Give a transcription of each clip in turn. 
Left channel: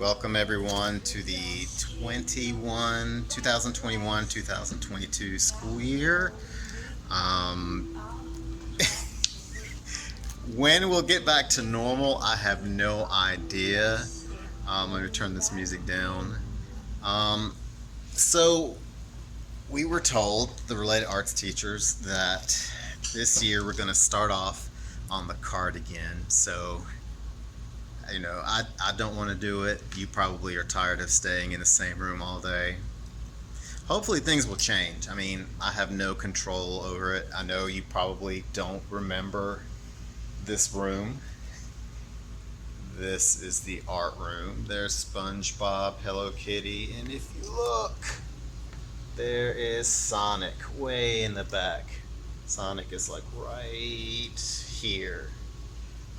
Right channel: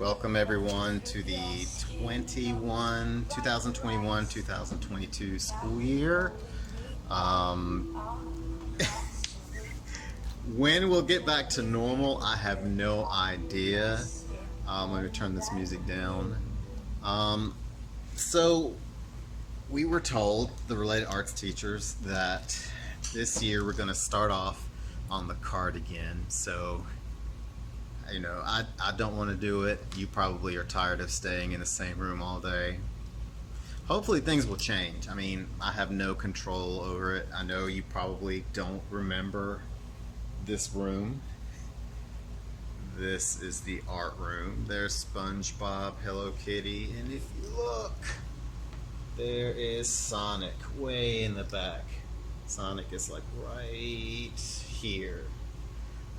Welcome everyone to the 2021-2022 school year. Um, when we'll get back to normal, I have no idea. I'm going to turn this music down. Um, so we were told, the related arts teachers, that this year we're going to start off on the card again. So I don't want to do it. You probably are tired of staying in the same room all day. Hopefully things will change. I mean, I have no control over it. I know you probably don't remember this room. This is the art room. There's SpongeBob, Hello Kitty, and if you look, there is Sonic way in the back. Sonic is like right here.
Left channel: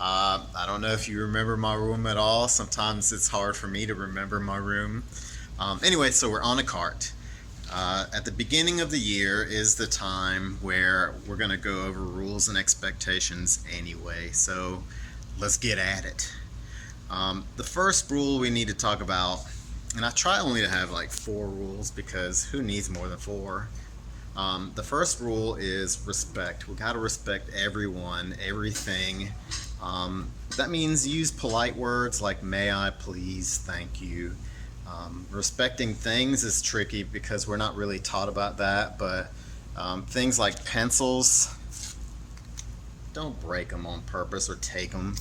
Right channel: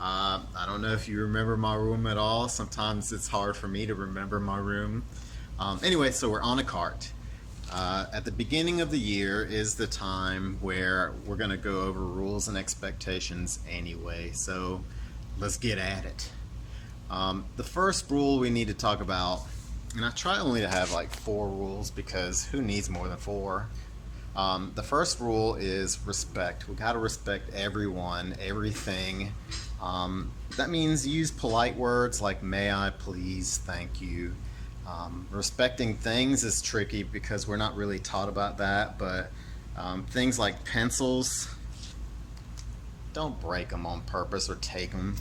I don't know if you remember my room at all. Sometimes it's hard for me to remember my room. Anyway, so we're on a cart. At the beginning of the year is the time where we're going to go over rules and expectations anyway. So let's get at it. The first rule we need to talk about, and I try only to have like 4 rules because who needs more than 4? The first rule is respect. We got to respect everyone, everything. That means use polite words like may I, please, thank you. Respecting things is tricky because we're not really taught about that, but things like pencils, don't break them on purpose or take them.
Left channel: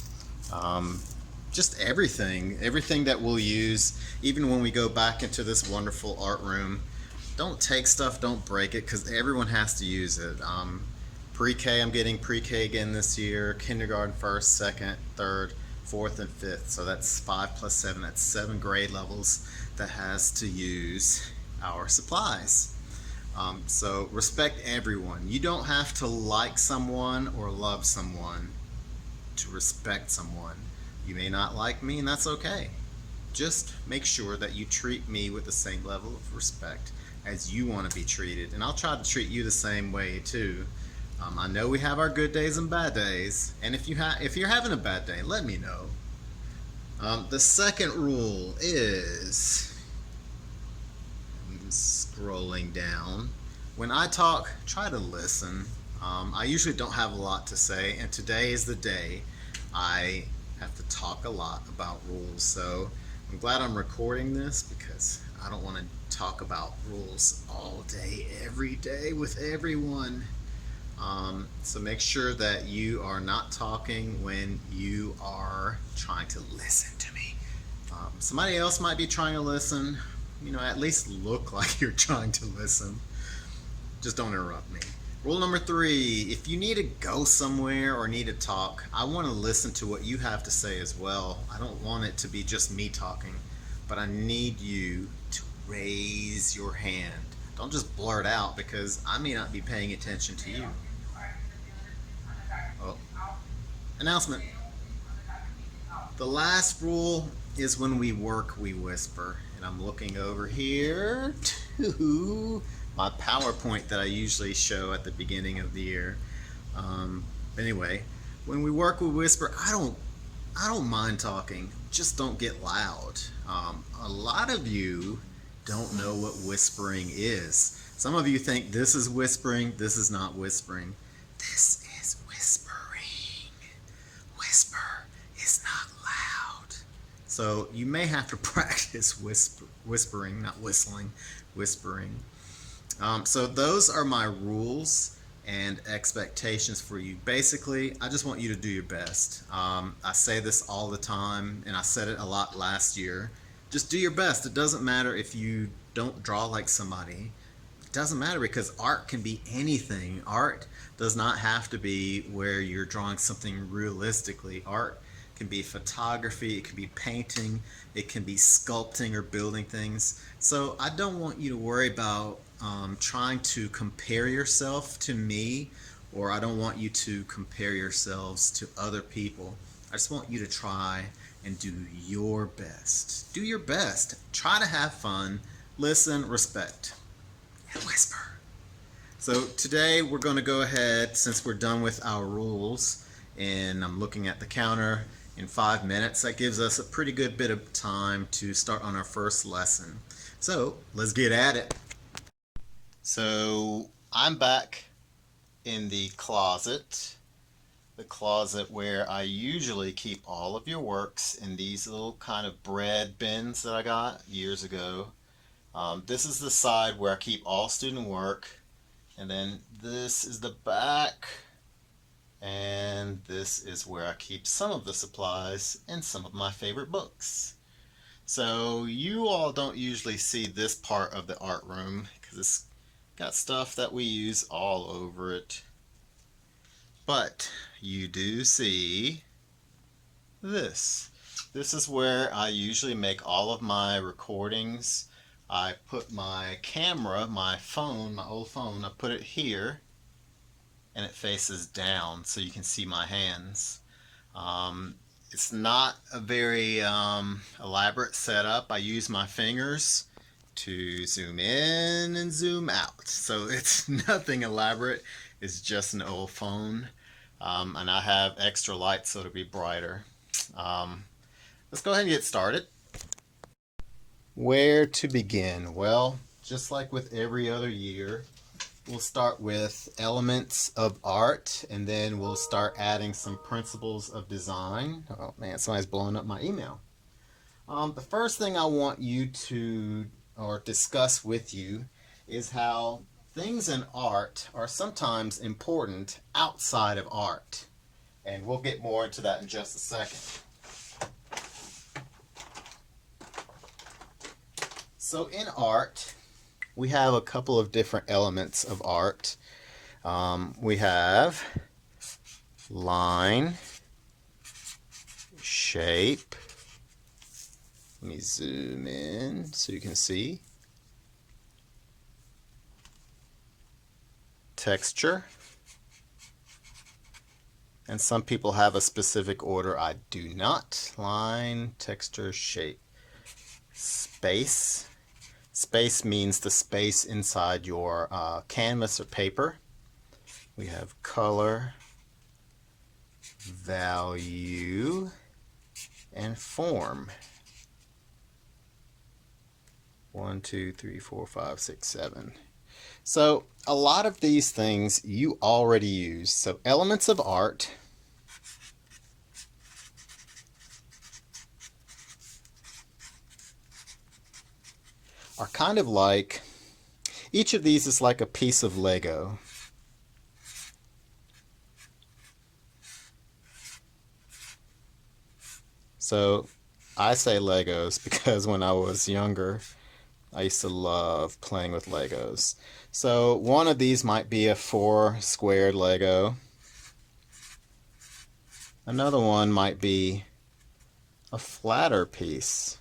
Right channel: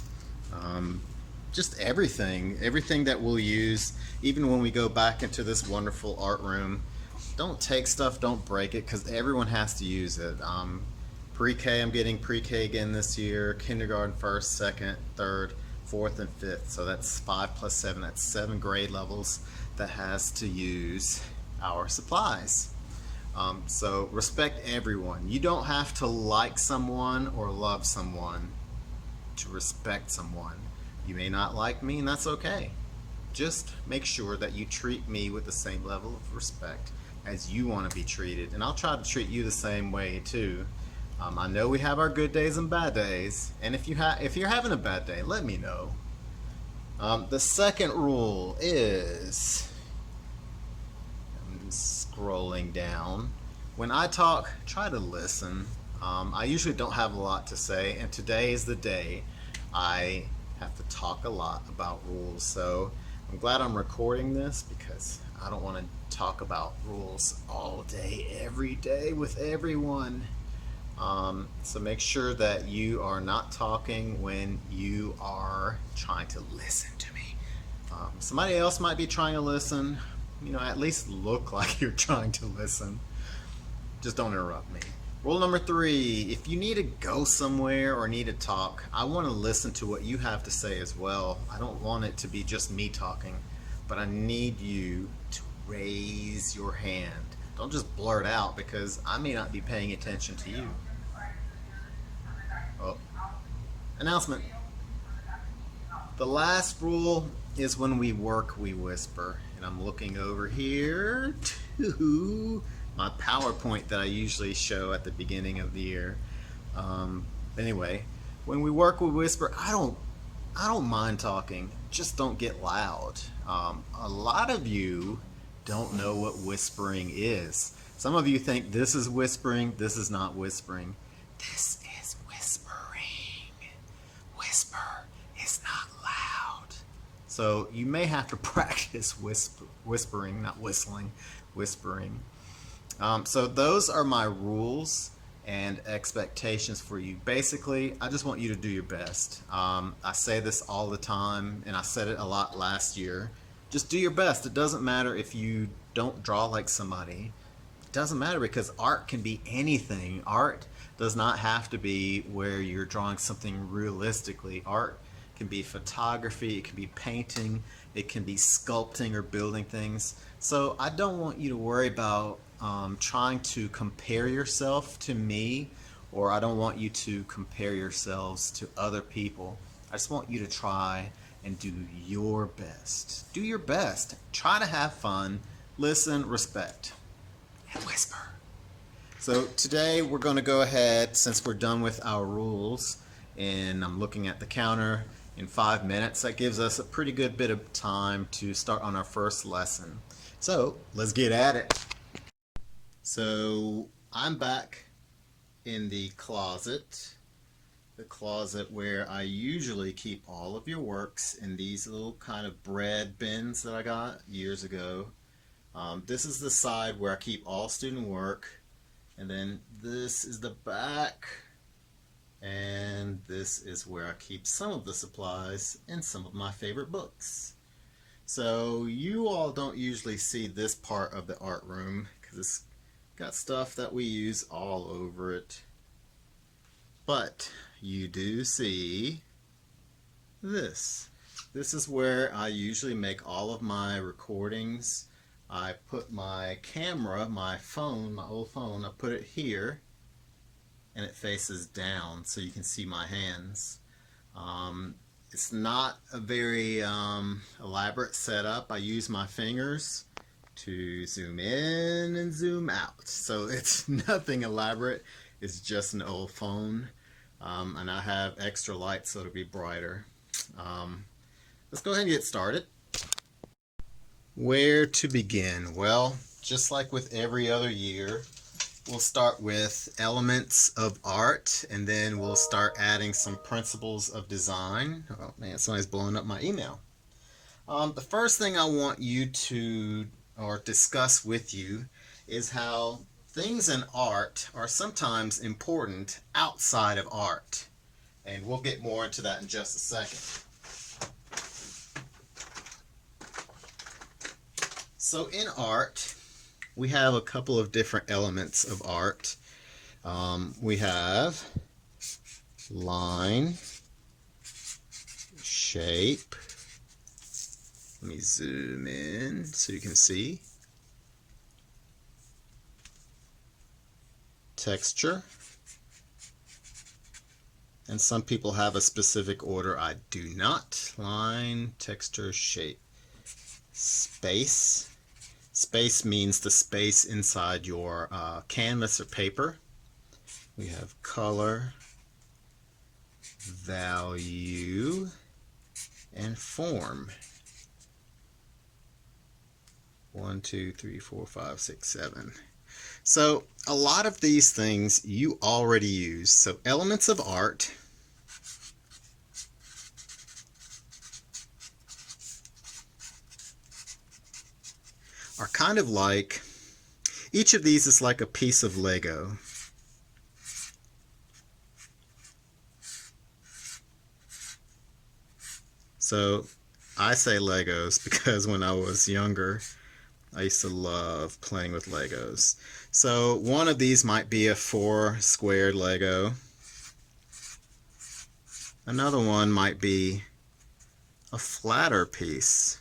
Just everything that we'll use, even when we go back into this wonderful art room. Don't take stuff, don't break it, because everyone has to use it. Pre-K, I'm getting pre-K again this year. Kindergarten, first, second, third, fourth, and fifth. So that's 5 plus 7. That's 7 grade levels that has to use our supplies. So respect everyone. You don't have to like someone or love someone to respect someone. You may not like me, and that's okay. Just make sure that you treat me with the same level of respect as you want to be treated, and I'll try to treat you the same way too. I know we have our good days and bad days, and if you're having a bad day, let me know. The second rule is, I'm scrolling down. When I talk, try to listen. I usually don't have a lot to say, and today is the day I have to talk a lot about rules. So I'm glad I'm recording this because I don't want to talk about rules all day, every day with everyone. So make sure that you are not talking when you are trying to listen to me. Somebody else might be trying to listen. At least look like you're trying to listen. Just don't interrupt me. Rule number 3, if you need to go somewhere or need to talk, I want to listen to what you have to say as well. I don't want it to be just me talking, but I need you to raise your hand. Don't just blurt out because I may not be paying attention to you. Oh, announcement. The last rule is when we work, we whisper. And I'm looking over here to my PowerPoint that I usually show at the beginning of the year. Anyway, when we work, we whisper. I don't mind talking. Just don't get loud. A lot of you don't know what whispering is. Some of you think this is whispering. This is not whispering. This is whispering. Whisper is not loud. So you may have to practice whispering, not whistling, whispering. So those are my rules and expectations for you. Basically, I just want you to do your best. I say this all the time, and I said it a lot last year. Just do your best. It doesn't matter if you don't draw like somebody. It doesn't matter because art can be anything. Art does not have to be where you're drawing something realistically. Art can be photography, it can be painting, it can be sculpting or building things. So I don't want you to worry about trying to compare yourself to me, or I don't want you to compare yourselves to other people. I just want you to try and do your best. Do your best. Try to have fun. Listen, respect, and whisper. So today we're going to go ahead, since we're done with our rules, and I'm looking at the counter, in 5 minutes. That gives us a pretty good bit of time to start on our first lesson. So let's get at it. So I'm back in the closet where I usually keep all of your works in these little kind of bread bins that I got years ago. This is the side where I keep all student work, and then this is the back, and this is where I keep some of the supplies and some of my favorite books. So you all don't usually see this part of the art room because it's got stuff that we use all over it. But you do see this. This is where I usually make all of my recordings. I put my camera, my phone, my old phone, I put it here, and it faces down so you can see my hands. It's not a very elaborate setup. I use my fingers to zoom in and zoom out. So it's nothing elaborate. It's just an old phone. And I have extra light so it'll be brighter. Let's go ahead and get started. Where to begin? Well, just like with every other year, we'll start with elements of art, and then we'll start adding some principles of design. Oh man, somebody's blowing up my email. The first thing I want you to discuss with you is how things in art are sometimes important outside of art. And we'll get more into that in just a second. So in art, we have a couple of different elements of art. We have line, shape. Let me zoom in so you can see. Texture. And some people have a specific order. I do not. Line, texture, shape. Space. Space means the space inside your canvas or paper. We have color, value, and form. 1, 2, 3, 4, 5, 6, 7. So a lot of these things you already use. So elements of art are kind of like, each of these is like a piece of Lego. So I say Legos because when I was younger, I used to love playing with Legos. So one of these might be a 4 squared Lego. Another one might be a flatter piece.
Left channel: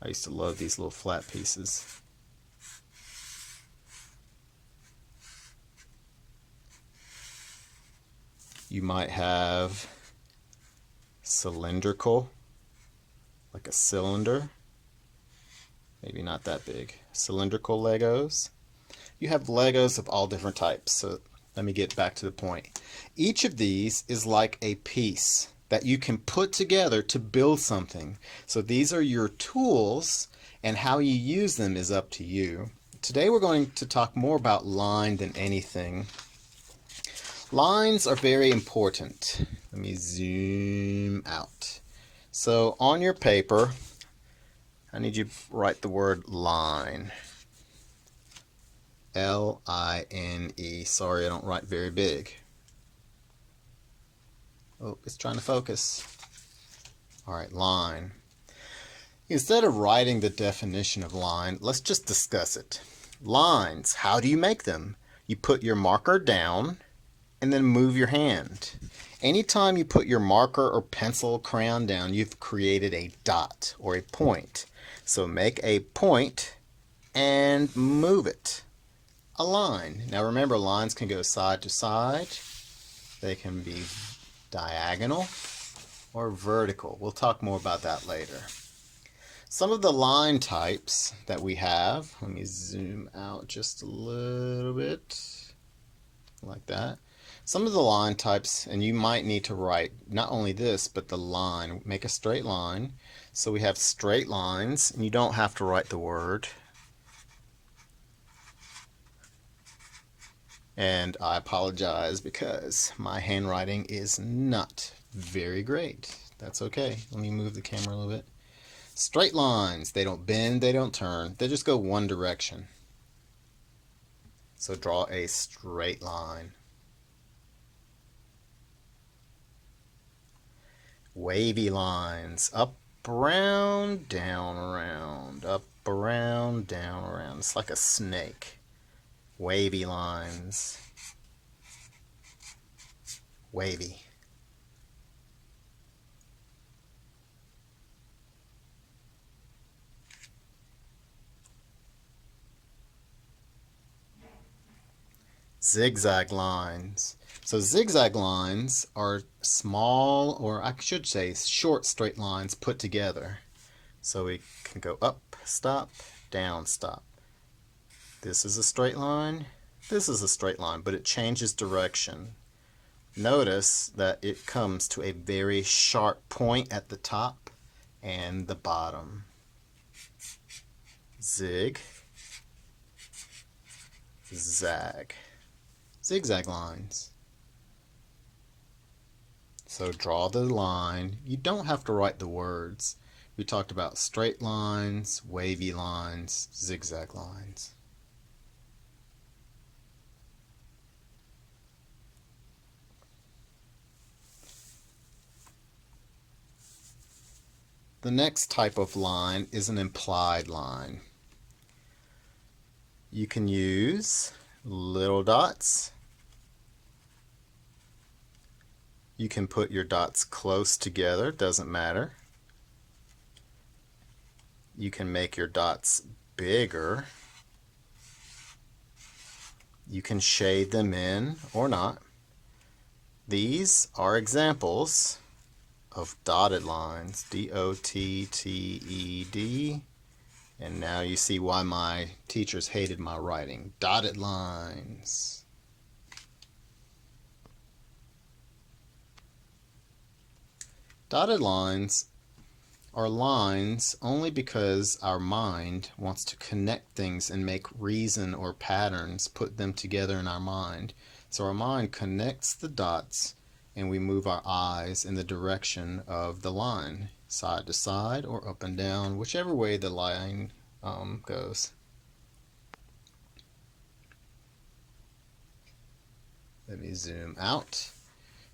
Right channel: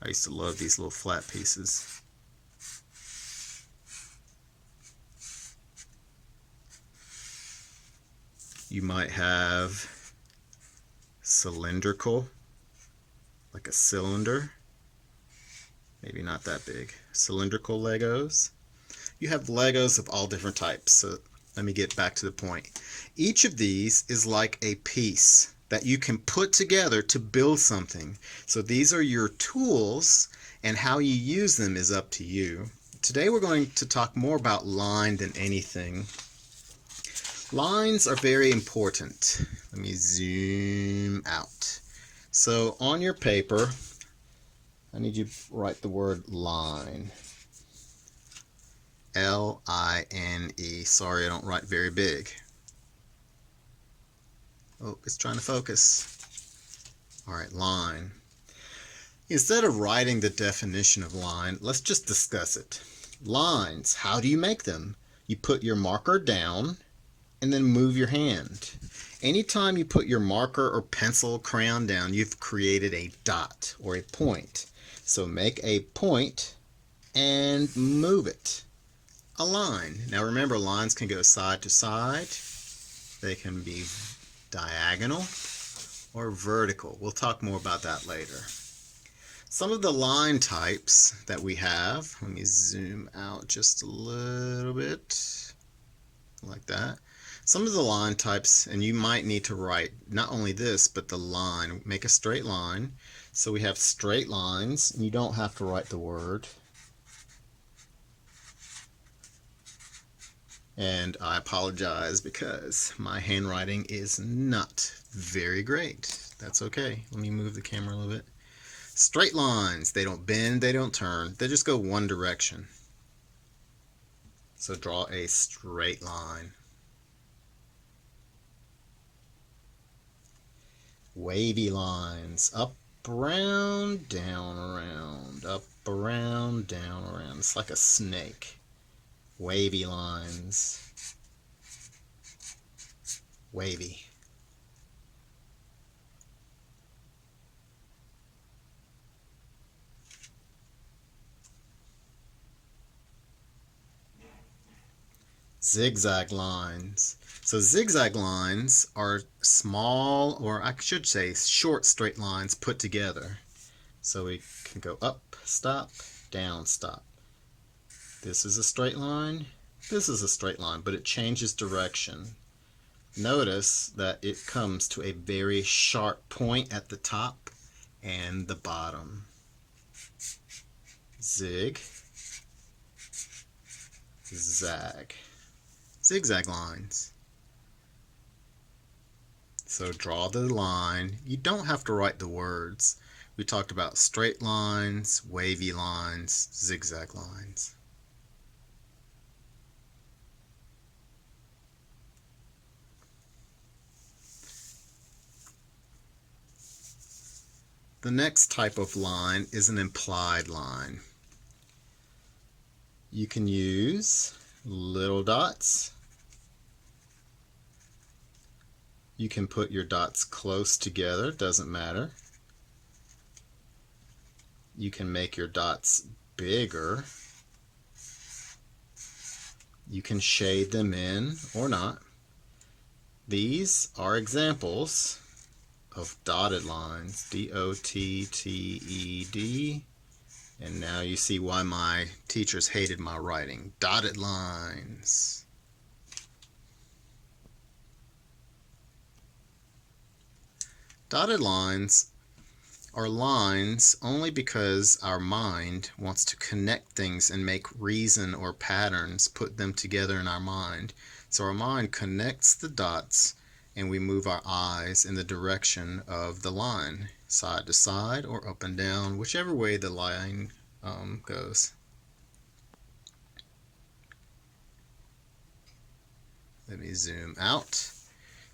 I used to love these little flat pieces. You might have cylindrical, like a cylinder. Maybe not that big. Cylindrical Legos. You have Legos of all different types. So let me get back to the point. Each of these is like a piece that you can put together to build something. So these are your tools, and how you use them is up to you. Today we're going to talk more about line than anything. Lines are very important. Let me zoom out. So on your paper, I need you to write the word line. L-I-N-E. Sorry, I don't write very big. Oh, it's trying to focus. All right, line. Instead of writing the definition of line, let's just discuss it. Lines, how do you make them? You put your marker down and then move your hand. Anytime you put your marker or pencil, crayon down, you've created a dot or a point. So make a point and move it. A line. Now remember, lines can go side to side. They can be diagonal or vertical. We'll talk more about that later. Some of the line types that we have, let me zoom out just a little bit, like that. Some of the line types, and you might need to write not only this, but the line. Make a straight line. So we have straight lines, and you don't have to write the word. And I apologize because my handwriting is not very great. That's okay. Let me move the camera a little bit. Straight lines, they don't bend, they don't turn, they just go one direction. So draw a straight line. Wavy lines, up, around, down, around, up, around, down, around. It's like a snake. Wavy lines. Wavy. Zigzag lines. So zigzag lines are small, or I should say short straight lines put together. So we can go up, stop, down, stop. This is a straight line, this is a straight line, but it changes direction. Notice that it comes to a very sharp point at the top and the bottom. Zig, zag. Zigzag lines. So draw the line. You don't have to write the words. We talked about straight lines, wavy lines, zigzag lines. The next type of line is an implied line. You can use little dots. You can put your dots close together, doesn't matter. You can make your dots bigger. You can shade them in or not. These are examples of dotted lines, D-O-T-T-E-D, and now you see why my teachers hated my writing. Dotted lines. Dotted lines are lines only because our mind wants to connect things and make reason or patterns, put them together in our mind. So our mind connects the dots and we move our eyes in the direction of the line, side to side or up and down, whichever way the line goes. Let me zoom out.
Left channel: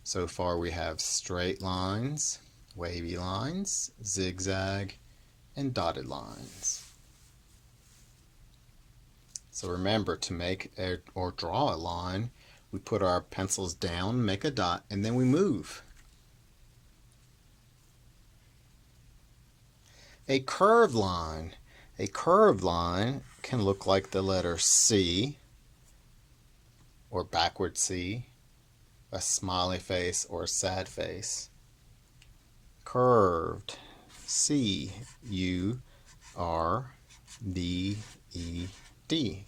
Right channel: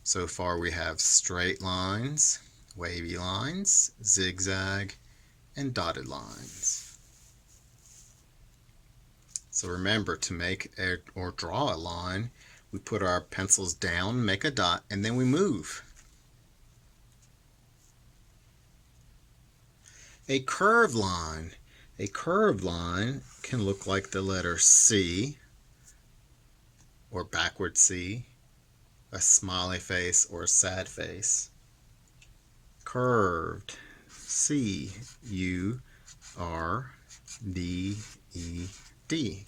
So far we have straight lines, wavy lines, zigzag, and dotted lines. So remember, to make or draw a line, we put our pencils down, make a dot, and then we move. A curved line. A curved line can look like the letter C, or backward C, a smiley face, or a sad face. Curved. C-U-R-V-E-D.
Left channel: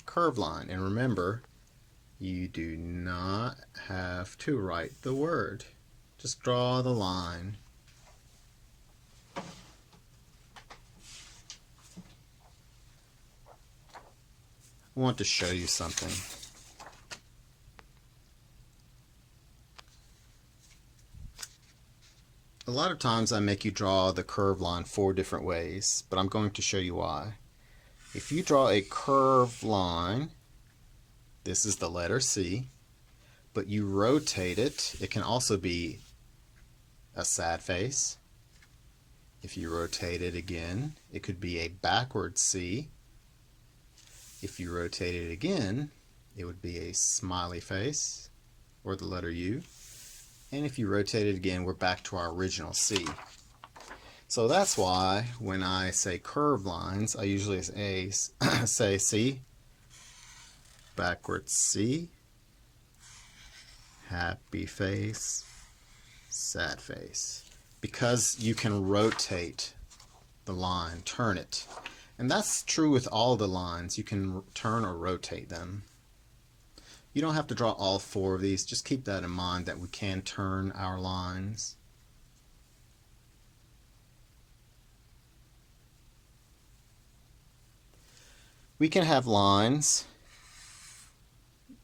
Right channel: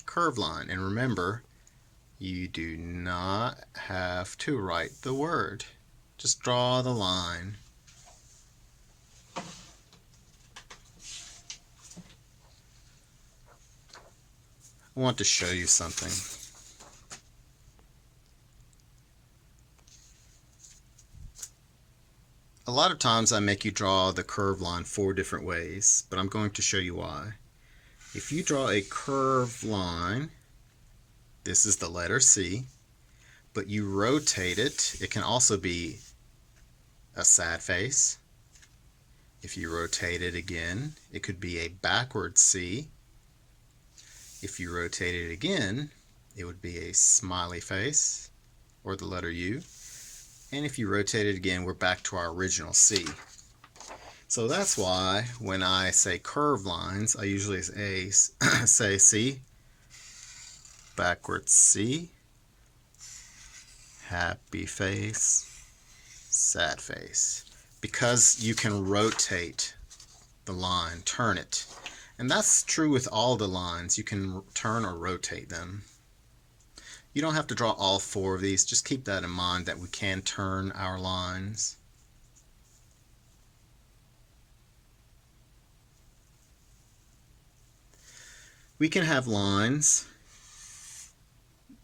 Curved line. And remember, you do not have to write the word. Just draw the line. I want to show you something. A lot of times I make you draw the curved line 4 different ways, but I'm going to show you why. If you draw a curved line, this is the letter C, but you rotate it, it can also be a sad face. If you rotate it again, it could be a backward C. If you rotate it again, it would be a smiley face, or the letter U. And if you rotate it again, we're back to our original C. So that's why when I say curved lines, I usually say C, backwards C, happy face, sad face. Because you can rotate the line, turn it. And that's true with all the lines. You can turn or rotate them. You don't have to draw all 4 of these. Just keep that in mind that we can turn our lines. We can have lines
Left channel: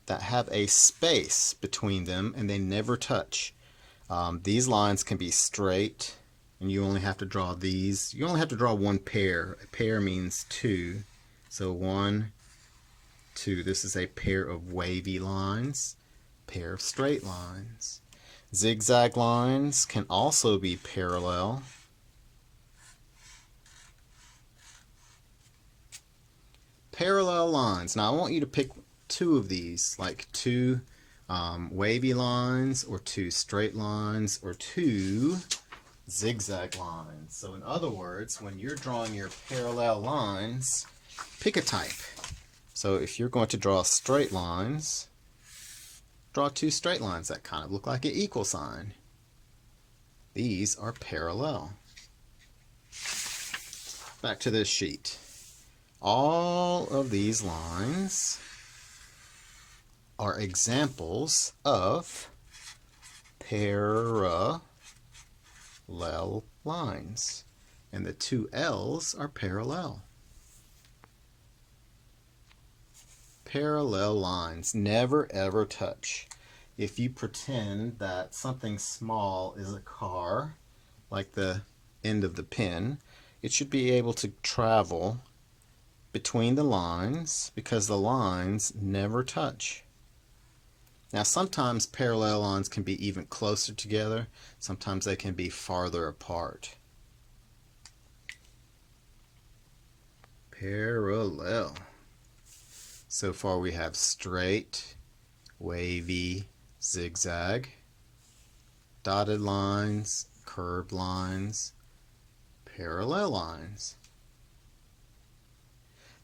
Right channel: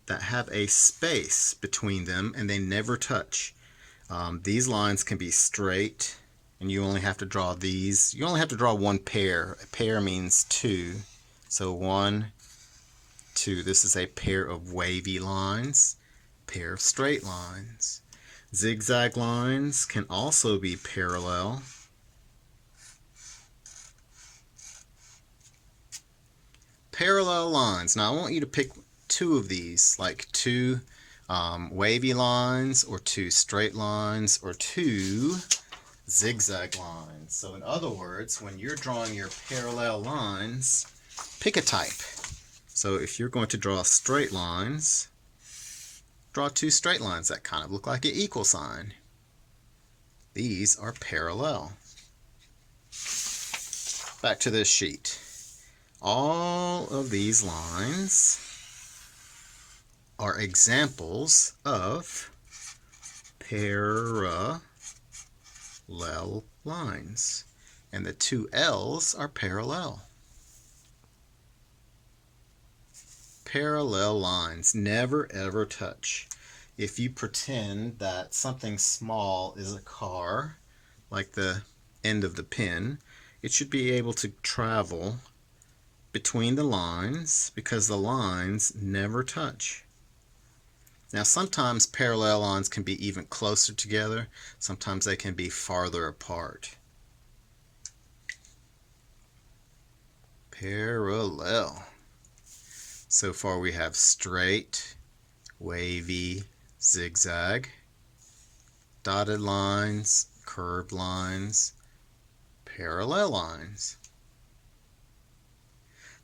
that have a space between them and they never touch. These lines can be straight and you only have to draw these. You only have to draw 1 pair. A pair means 2. So 1, 2. This is a pair of wavy lines, pair of straight lines. Zigzag lines can also be parallel. Parallel lines. Now I want you to pick 2 of these, like 2 wavy lines or 2 straight lines or 2 zigzag lines. So in other words, when you're drawing your parallel lines, pick a type. So if you're going to draw straight lines, draw 2 straight lines that kind of look like an equal sign. These are parallel. Back to this sheet. All of these lines are examples of parallel lines, and the 2 L's are parallel. Parallel lines never ever touch. If you pretend that something small is a car, like the end of the pen, it should be able to travel between the lines because the lines never touch. Now sometimes parallel lines can be even closer together, sometimes they can be farther apart. Parallel. So far we have straight, wavy, zigzag, dotted lines, curved lines, parallel lines.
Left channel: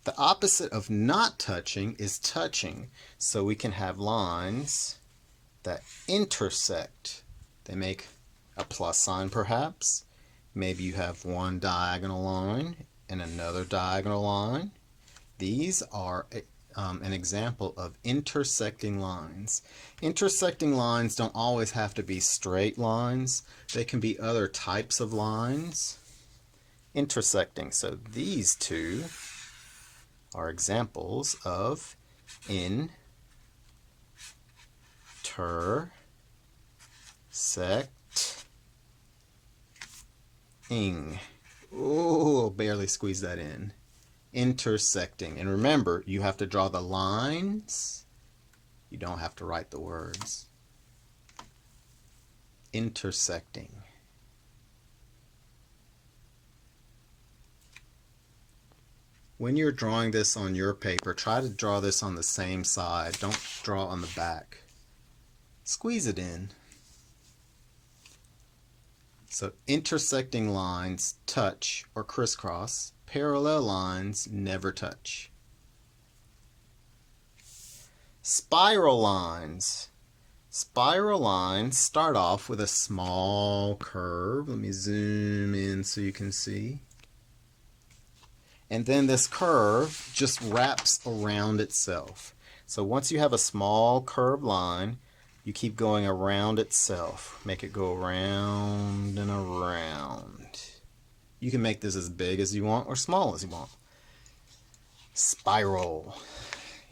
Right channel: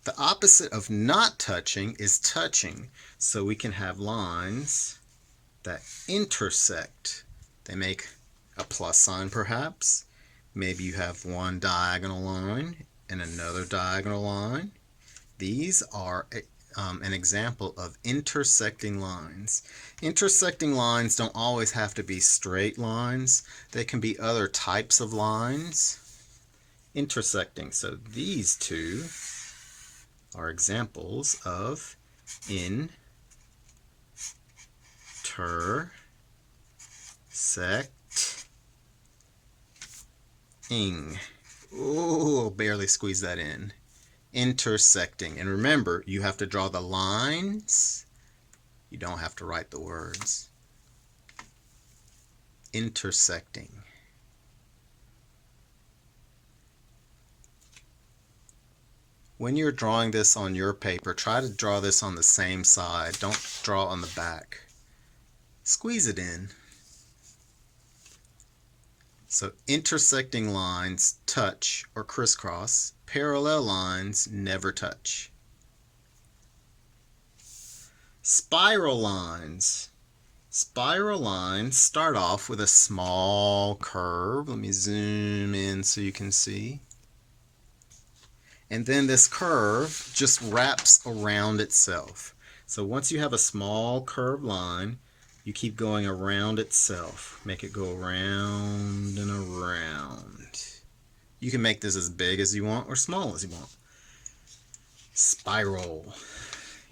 The opposite of not touching is touching. So we can have lines that intersect. They make a plus sign perhaps. Maybe you have one diagonal line and another diagonal line. These are an example of intersecting lines. Intersecting lines don't always have to be straight lines. They can be other types of lines intersecting. So these 2 are examples of intersecting. Oh, barely squeeze that in. Intersecting. And remember, you have to draw the lines. You don't have to write the words. Intersecting. When you're drawing this on your paper, try to draw this on the same side. Don't draw on the back. Squeeze it in. So intersecting lines touch or crisscross. Parallel lines never touch. Spiral lines. Spiral lines start off with a small curve. Let me zoom in so you can see. And then this curve just wraps around itself. So once you have a small curved line, you keep going around itself. Make it go around and around. You can make this as big as you want or small as you want. Spiral.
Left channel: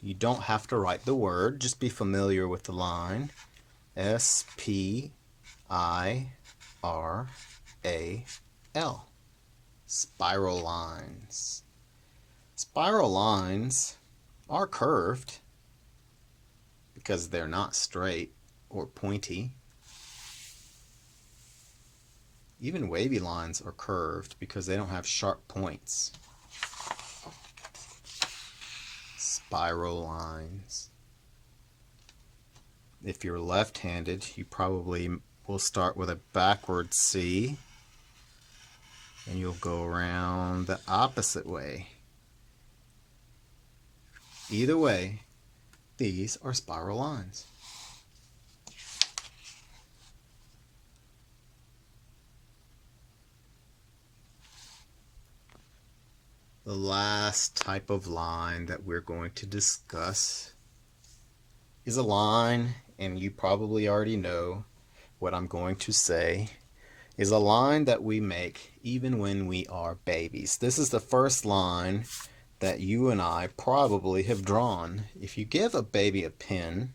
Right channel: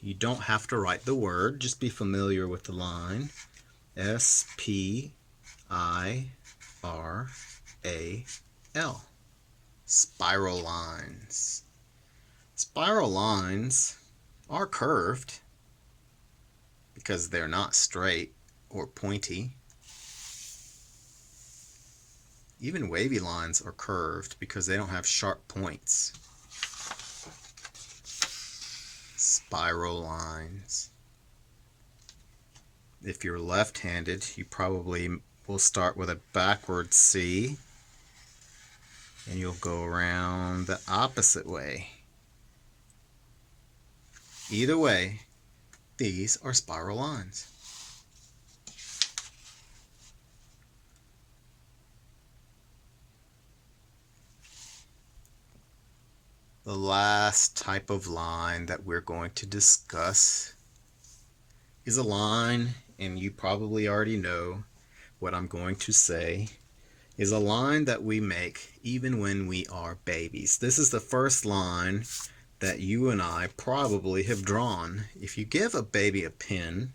You don't have to write the word, just be familiar with the line. S-P-I-R-A-L. Spiral lines. Spiral lines are curved because they're not straight or pointy. Even wavy lines are curved because they don't have sharp points. Spiral lines. If you're left-handed, you probably will start with a backward C and you'll go around the opposite way. Either way, these are spiral lines. The last type of line that we're going to discuss is a line, and you probably already know what I'm going to say, is a line that we make even when we are babies. This is the first line that you and I probably have drawn. If you give a baby a pen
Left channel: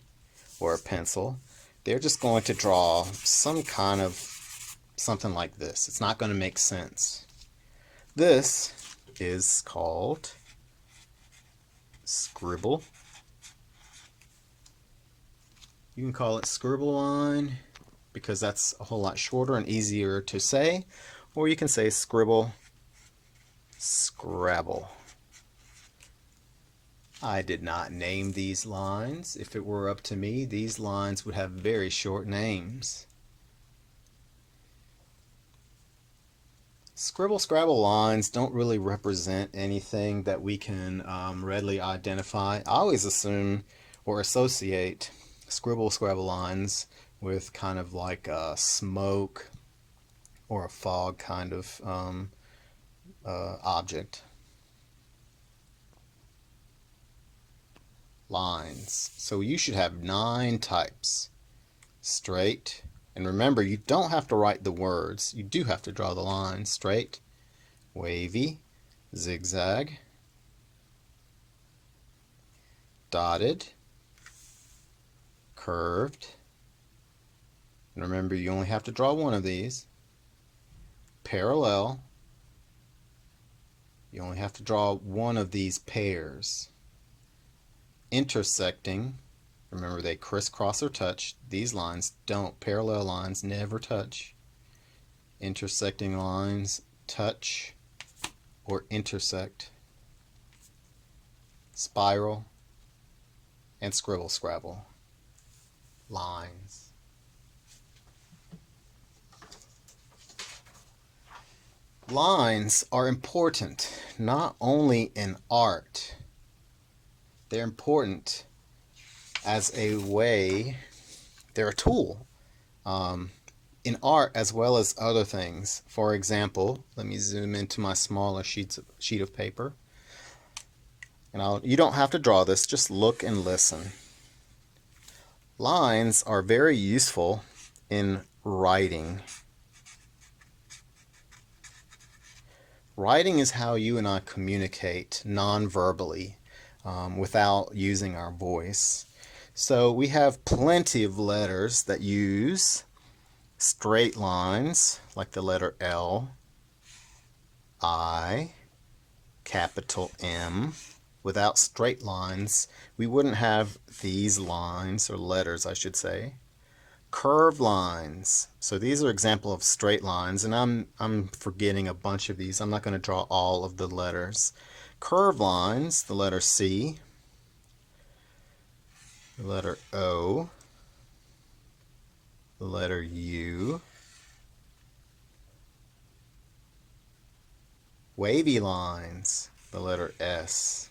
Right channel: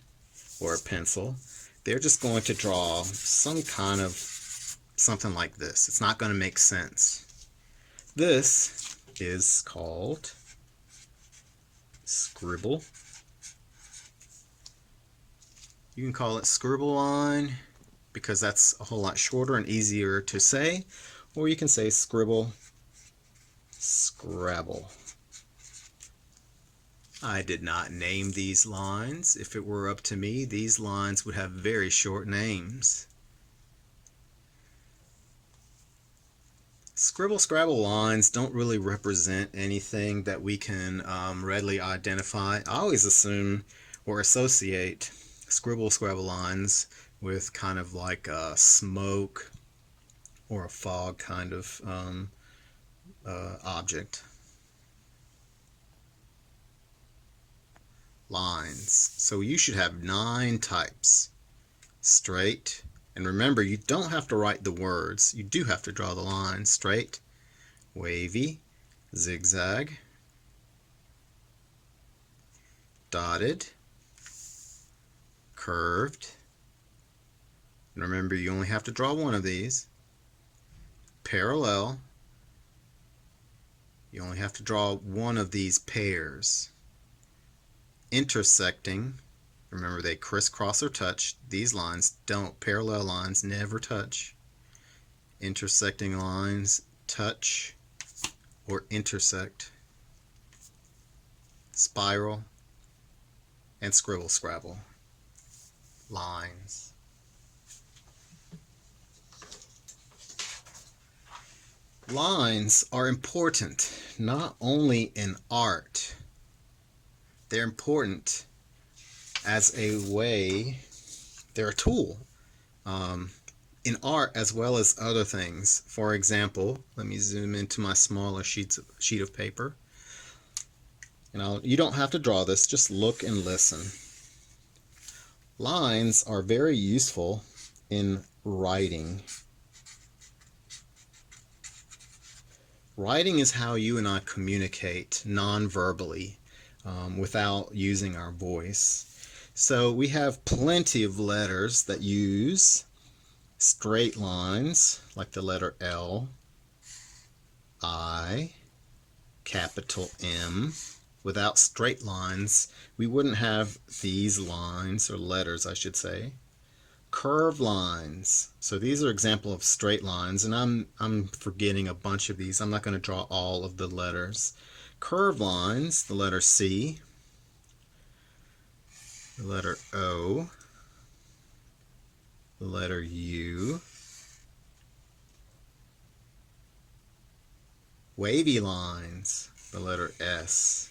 or a pencil, they're just going to draw some kind of something like this. It's not going to make sense. This is called scribble. You can call it scribble line because that's a whole lot shorter and easier to say, or you can say scribble, scrabble. I did not name these lines. If it were up to me, these lines would have very short names. Scribble scrabble lines don't really represent anything that we can readily identify. I always assume or associate scribble scrabble lines with kind of like a smoke or a fog kind of object. Lines. So you should have 9 types. Straight. And remember, you don't have to write the words. You do have to draw the lines. Straight, wavy, zigzag, dotted, curved. And remember, you only have to draw one of these. Parallel. You only have to draw one of these pairs. Intersecting. Remember, they crisscross or touch. These lines don't. Parallel lines never touch. Intersecting lines touch or intersect. Spiral and scribble scrabble lines. Lines are important not only in art, they're important as a way, they're a tool in art as well as other things. For example, let me zoom into my smaller sheet of paper. And you don't have to draw this, just look and listen. Lines are very useful in writing. Writing is how you and I communicate non-verbally without using our voice. So we have plenty of letters that use straight lines, like the letter L, I, capital M. Without straight lines, we wouldn't have these lines, or letters, I should say. Curved lines. So these are examples of straight lines, and I'm forgetting a bunch of these. I'm not going to draw all of the letters. Curved lines, the letter C, the letter O, the letter U. Wavy lines, the letter S.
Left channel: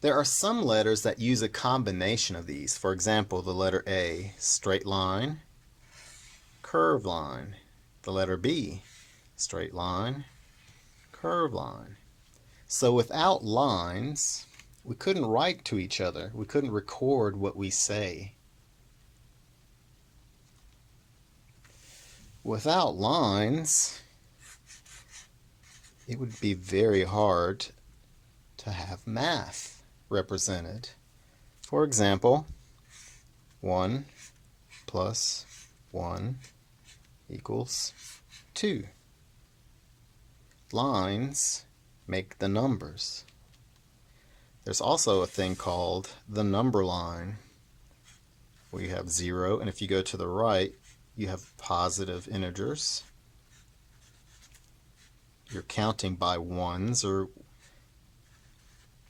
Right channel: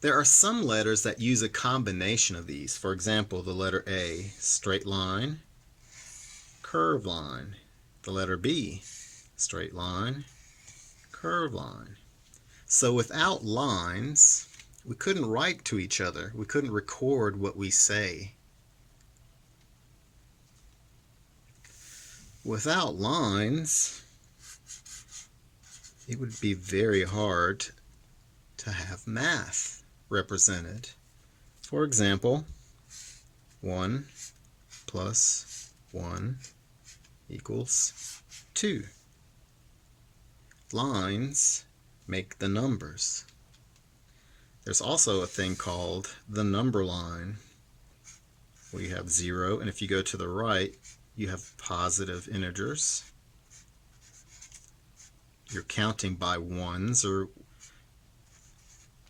There are some letters that use a combination of these. For example, the letter A, straight line, curved line. The letter B, straight line, curved line. So without lines, we couldn't write to each other. We couldn't record what we say. Without lines, it would be very hard to have math represented. For example, 1 plus 1 equals 2. Lines make the numbers. There's also a thing called the number line, where you have 0, and if you go to the right, you have positive integers. You're counting by ones, or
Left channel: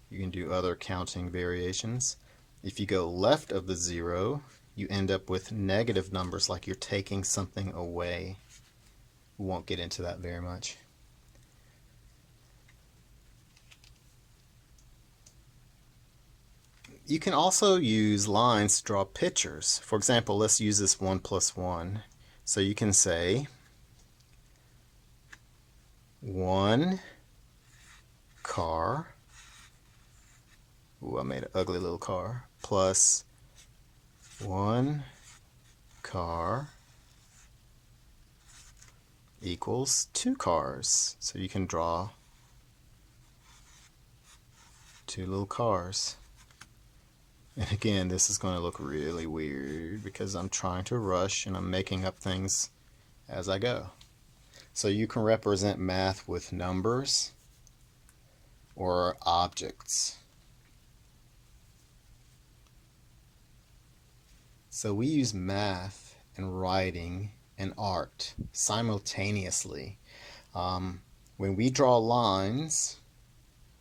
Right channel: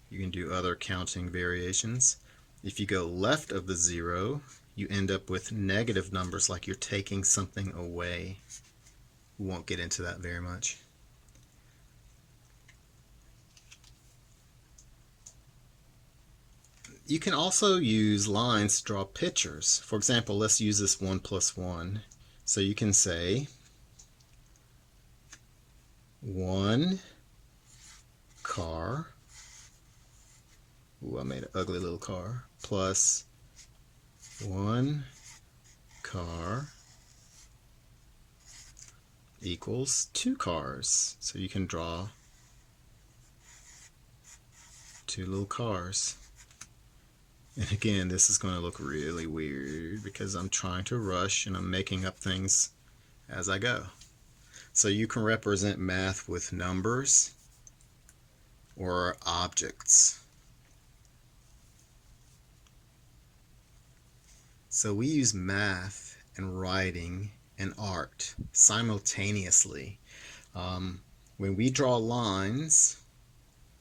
you can do other counting variations. If you go left of the 0, you end up with negative numbers, like you're taking something away. We won't get into that very much. You can also use lines to draw pictures. For example, let's use this 1 plus 1. So you can say 1 car. Ooh, I made an ugly little car, plus 1 car equals 2 cars. So you can draw 2 little cars. And again, this is going to look really weird because I'm trying to rush and I'm making up things as I go. So you can represent math with numbers or objects. So we use math and writing and art simultaneously. When we draw lines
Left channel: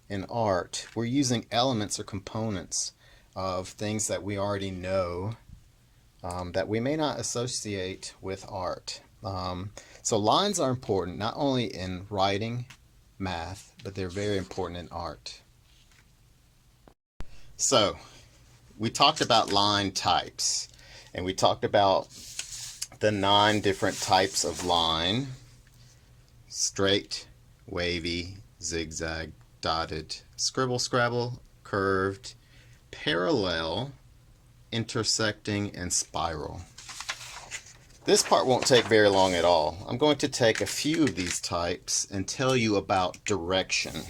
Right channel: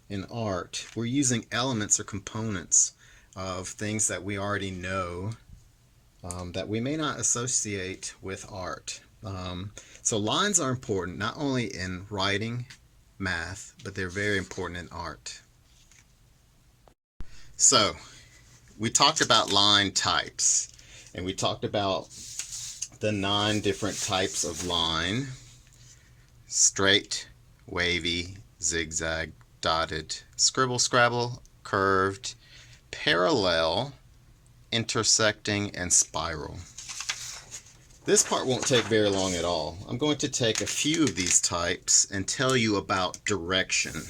in art, we're using elements or components of things that we already know that we may not associate with art. So lines are important not only in writing, math, but they're very important in art. So we talked about line types, and we talked about the 9 different types of line: straight, wavy, zigzag, dotted, scribble, scrabble, curved, parallel, intersecting, and spiral. This part won't take very long at all. I'm going to take a few of these types and tell you about direction.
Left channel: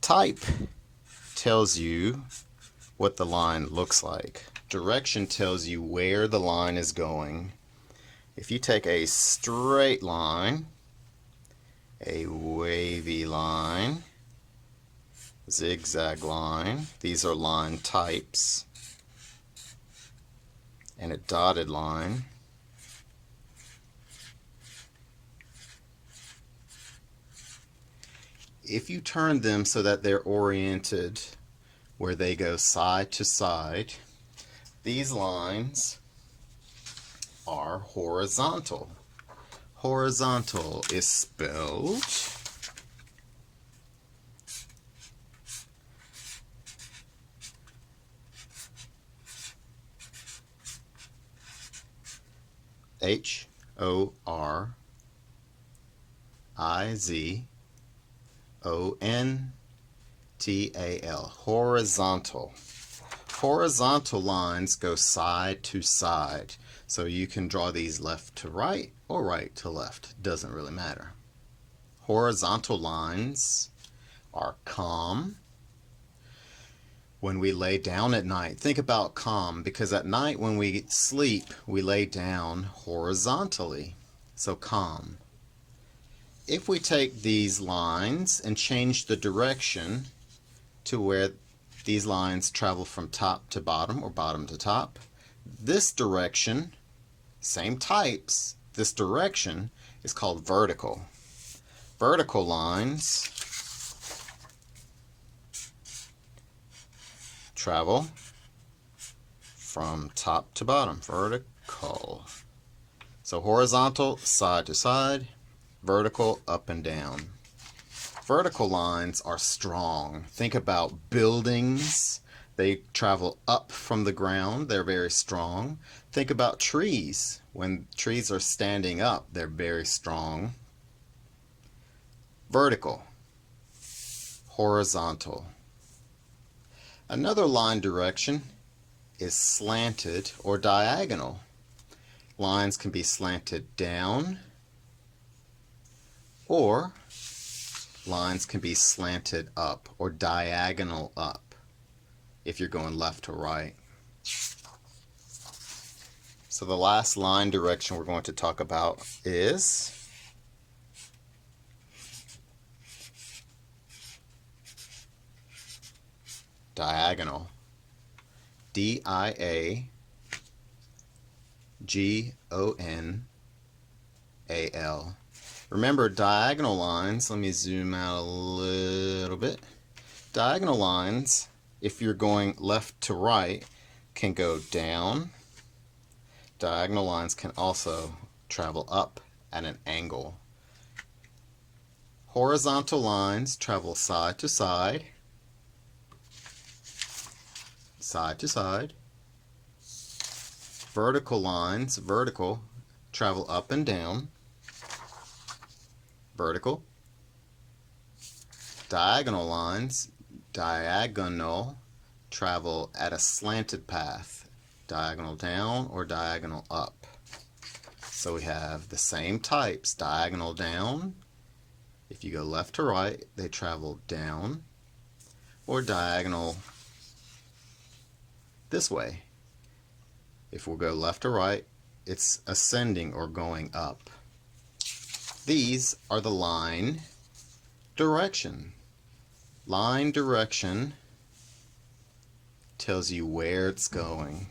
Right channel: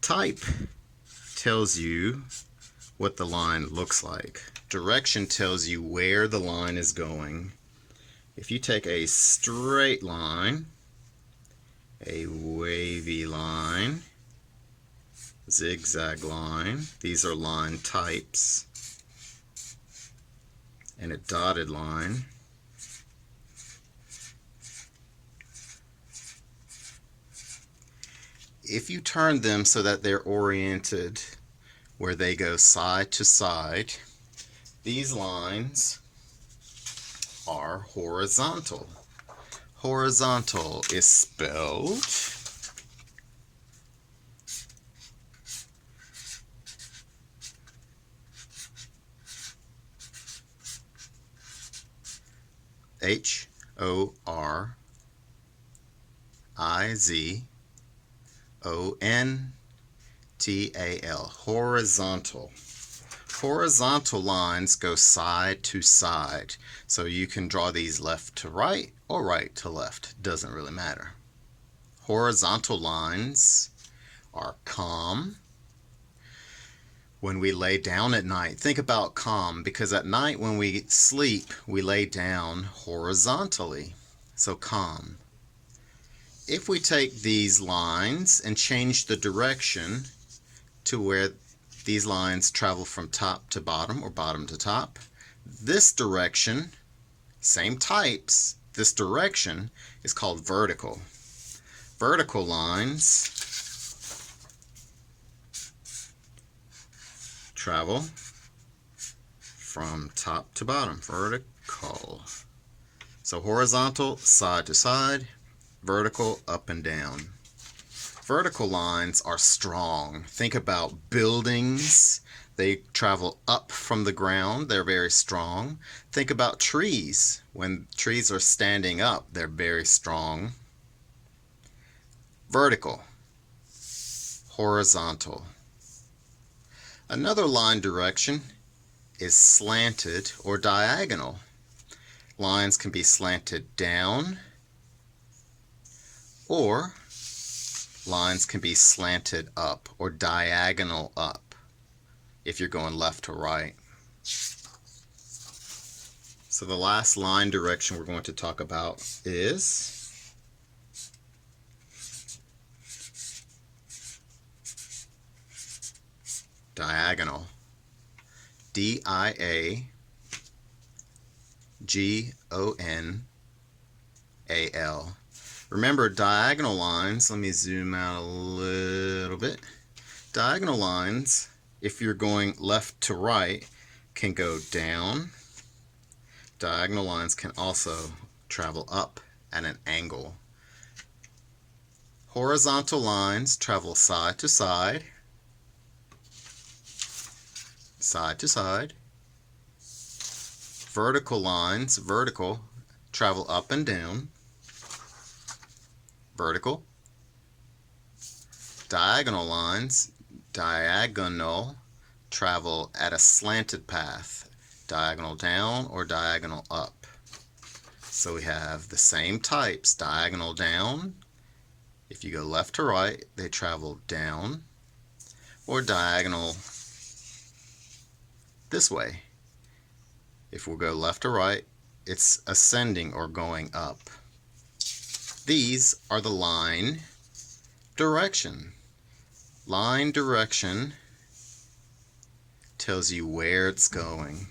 Type tells you what the line looks like. Direction tells you where the line is going. If you take a straight line, a wavy line, zigzag line, these are line types, and a dotted line, if you turn them so that they're oriented where they go side to side, these lines are horizontal. Horizontal is spelled Horizontal. Horizontal. Horizontal lines go side to side. So you can draw these left to right or right to left. Doesn't really matter. Horizontal lines are calm. When we lay down at night, think about calm, because at night when we sleep, we lay down horizontally. So calm. If we take these lines and change the direction to where these lines travel from top to bottom or bottom to top, this direction, same types, this direction is called vertical. Vertical lines travel from top to bottom, vertical. So horizontal, side to side, vertical, up and down. Vertical lines are strong. Think about buildings. They travel up from the ground. They're very strong. Think about trees. When trees are standing up, they're very strong. Vertical, horizontal. Another line direction is slanted or diagonal. Lines can be slanted down, or lines can be slanted up or diagonal up if you're going left to right. So the last line direction we're going to talk about is diagonal. D-I-A-G-O-N-A-L. Remember, diagonal lines, let me zoom out a little bit. Diagonal lines, if you're going left to right, can go down. Diagonal lines can also travel up at an angle. Horizontal lines travel side to side, side to side. Vertical lines, vertical, travel up and down, vertical. Diagonal lines, Diagonal, travel at a slanted path, diagonal down or diagonal up. So we have the same types, diagonal down. If you go left to right, they travel down, or diagonal this way. If we go left to right, it's ascending or going up. These are the line direction. Line direction tells you where it's going.